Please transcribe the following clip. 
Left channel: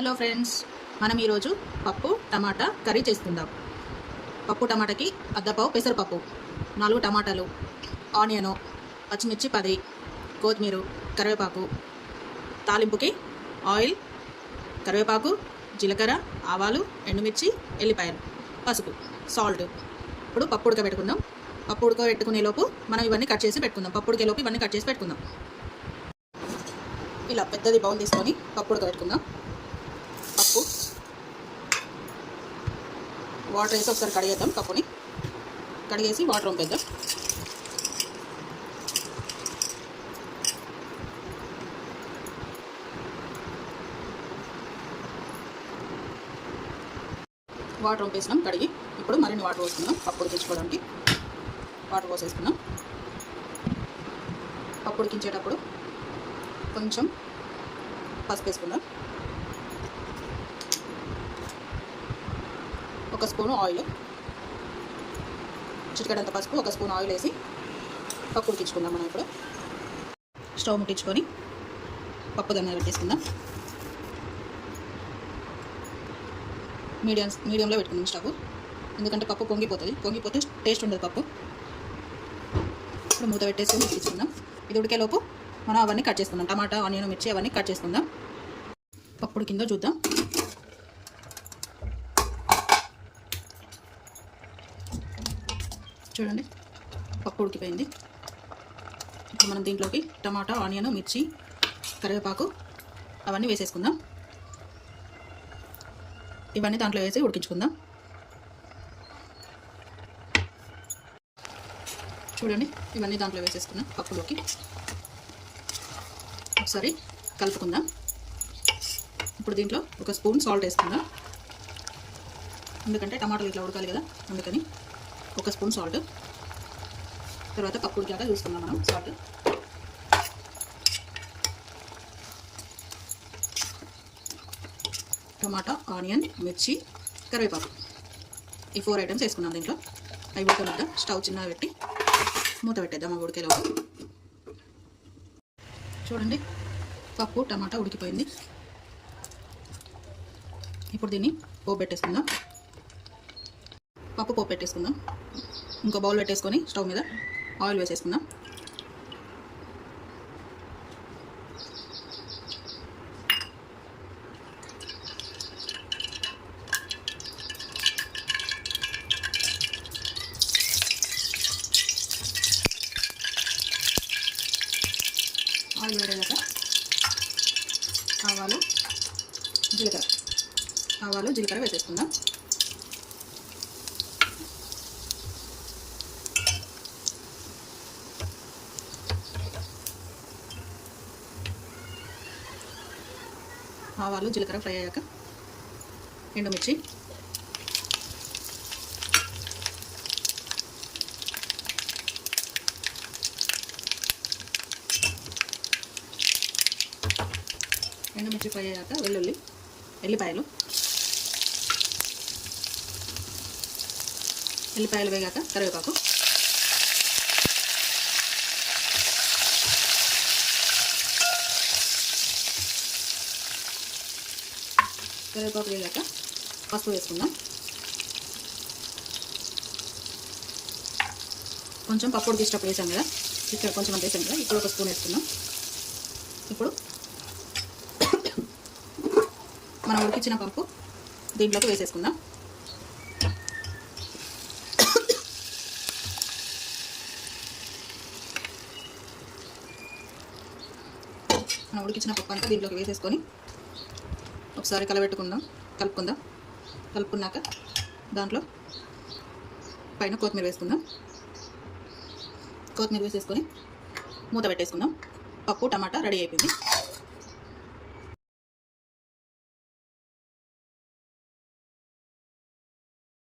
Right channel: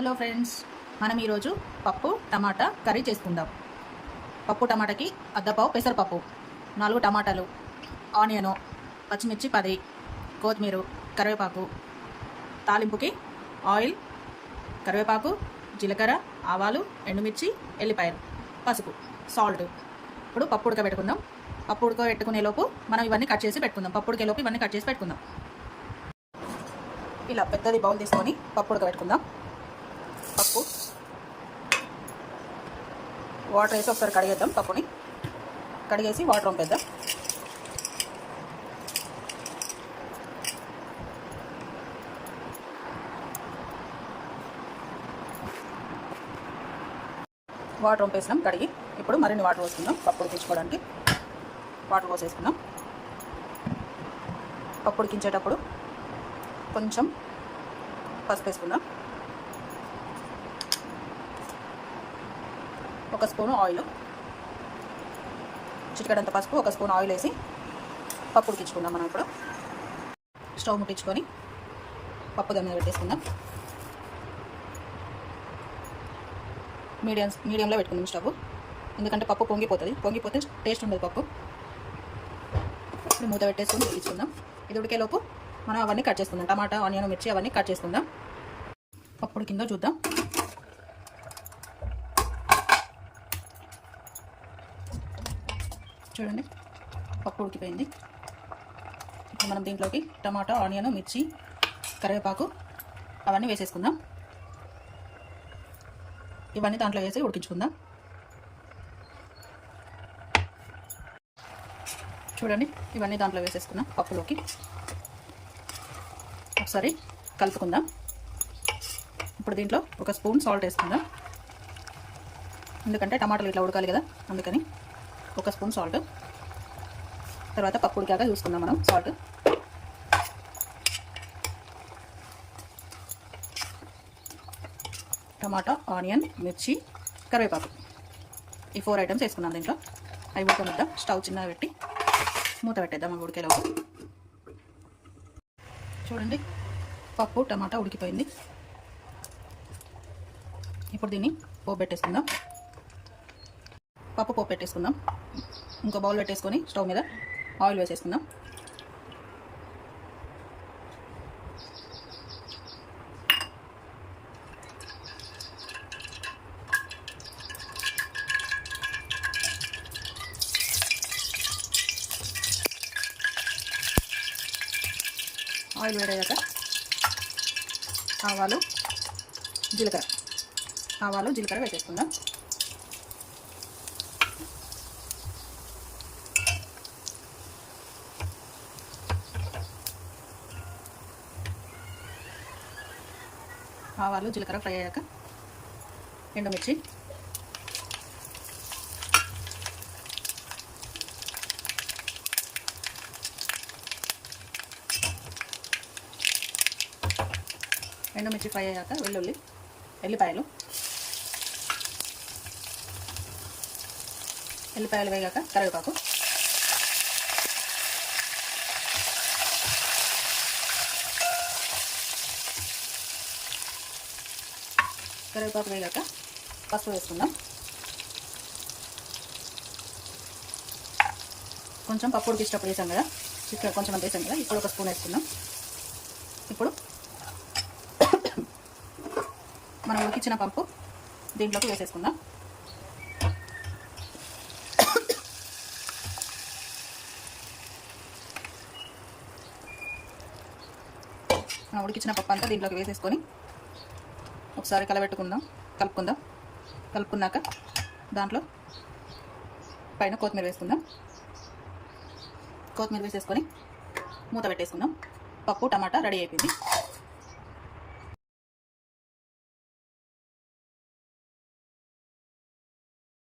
Hello friends, మనం ఈరోజు పప్పు టమాటా కర్రీ చేసుకుందాం. పప్పు టమాటాకి అద్దపావు పెసరపప్పు, 4 టమాటాలు, ఆనియను, పచ్చిమిర్చి 10, కొత్తిమీర, కరివేపాకు, తాలింపుకి ఆయిల్, కరివేపాకు, జీలకర్ర, ఆవాలు, ఎండుమిర్చి, ఎల్లిపాయలు, పసుపు, సాల్ట్. ఇప్పుడు పప్పు ఉడకబెట్టుకుందాం. పప్పు ఉడకబెట్టుకునే లోపు మనం ఇవన్నీ కట్ చేసి పెట్టుకుందాం. పప్పు ఉడికేలోపు ఇవన్నీ కట్ చేసి పెట్టుకుందాం. ఇలా పెద్దది బౌల్ తీసుకొని పప్పు ఉడకబెట్టుకుందాం. పప్పు వాటర్ వేసి ఒకసారి కడిగేద్దాం. పప్పుని కడిగేసి వాటర్ వంపేద్దాం. వాటర్ వంపేసినాం కడిగి. ఇప్పుడు మరిన్ని వాటర్ పోసుకుందాం. పప్పు ఉడికించుకోవడానికి వాటర్ పోసేసుకున్నాం. పప్పు ఉడికించేటప్పుడు కొంచెం పసుపు వేసుకుందాం. 1 స్పూను ఆయిల్, చిటికెడంత పసుపు, 1 స్పూన్ ఆయిల్ వేసి పప్పు ఉడికించుకుందాం. మనం ఇప్పుడు స్టవ్ ముట్టించుకొని పప్పు దాని మీద పెట్టేసుకుందాం. మీడియంలో పెట్టుకుందాం స్టవ్, ఎందుకంటే పప్పు పొంగిపోతే టేస్ట్ ఉండదు పప్పు. ఇప్పుడు మూత పెట్టేసుకొని ఉడికించుకుందాం. ఇది ఉడికేలోపు మనం అవన్నీ కట్ చేసుకుందాం. టమాటా, ఆనియన్, మిర్చి అవన్నీ కట్ చేసుకుందాం. పప్పు ఉడికిందో చూద్దాం. చూడండి, పప్పు ఉడికిపోయింది. ఇప్పుడు మనం దీంట్లోకి టమాటా, ఆనియన్, మిర్చి, కరివేపాకు అవన్నీ వేసేసుకుందాం. ఇవన్నీ దాంట్లో వేసి ఉడికించుకుందాం. చూడండి, ఇవన్నీ దాంట్లో వేసేసుకున్నాం. పప్పులోకి ఒకసారి కలుపుకుందాం. ఇప్పుడు దీంట్లో 1 స్పూన్ సాల్ట్ వేసుకుందాం, ఎందుకంటే టమాటాలు ఇట్లా ఉడకాలి కదా, అందుకని 1 స్పూన్ సాల్ట్. తర్వాత పప్పు ఉడికాక చూసుకుందాం మనం సాల్ట్. టమాటా, ఆనియన్, మిర్చి, కరివేపాకు, ఈ 4 ఐటమ్స్ వేసుకున్నాం దీంట్లో. అవి ఉడకనిద్దాం. స్టవ్ చిన్నగా పెట్టి మూత పెట్టేద్దాం. అవి ఉడికేలోపు చూడండి, పప్పు టమాటా ఉడికిపోయింది. ఇప్పుడు దీన్ని పోపు పెట్టేసుకుందాం. పప్పు పోపు పెట్టేసుకుందాం. ఇంకో బౌల్ పెట్టేసుకొని స్టవ్ మీద ఆయిల్ వేసేసుకుందాం. ఆయిల్ వేడయ్యాక ఆవాలు, జీలకర్ర వేసేసుకుందాం. ఆవాలు, జీలకర్ర ఫ్రై అయ్యాక ఎండుమిర్చి, ఫ్రై అయ్యాక ఎల్లిపాయలు వేగాక కరివేపాకు, వేగాక పసుపు వేసుకుందాం. కొంచెం పప్పు ఉడికించేటప్పుడు వేసాం కదా, ఇక్కడ కొంచెం అంత వేసాం కదా. ఇప్పుడు 1 స్పూన్ వేసుకుందాం. ఇప్పుడు మనం ఉడికించిన పప్పు దీంట్లోకి వేసేసుకుందాం. మనం ఉడికించిన పప్పు అంతా దీంట్లోకి వేసేసుకొని ఒకసారి కలుపుకున్నాక దాంట్లో పైన కొత్తిమీర వేసుకుందాం. కొత్తిమీర వేసేసుకొని మూత పెట్టేసుకుందాం. పప్పు టమాటా రెడీ అయిపోయింది.